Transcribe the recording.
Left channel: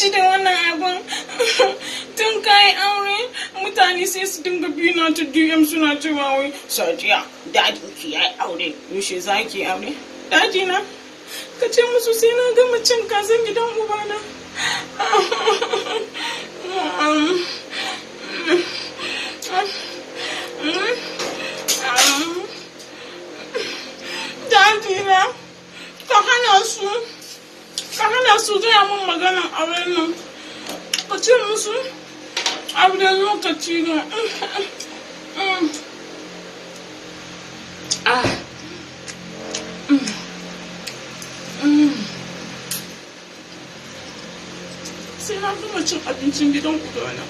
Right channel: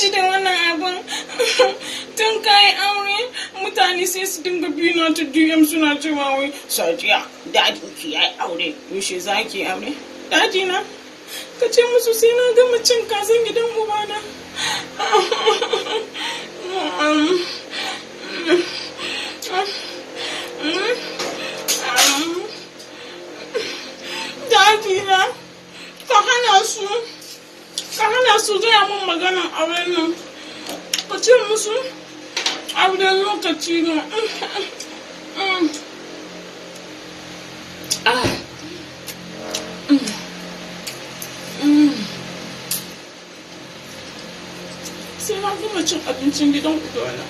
gaji da wannan abin. Tun kayi aure mutane sai su dinga biyu na ta DM suna cewa wai Sadiya dadin ki yayi aure yaushe za ki aure. Daji na ka ce musu sai na gama cin kazan gidan ubana. Daji na ka hana su gaya mun maganan auren nan. Ka ce musu auren lokaci ne. Sai na gama cin abincin gidan ubana.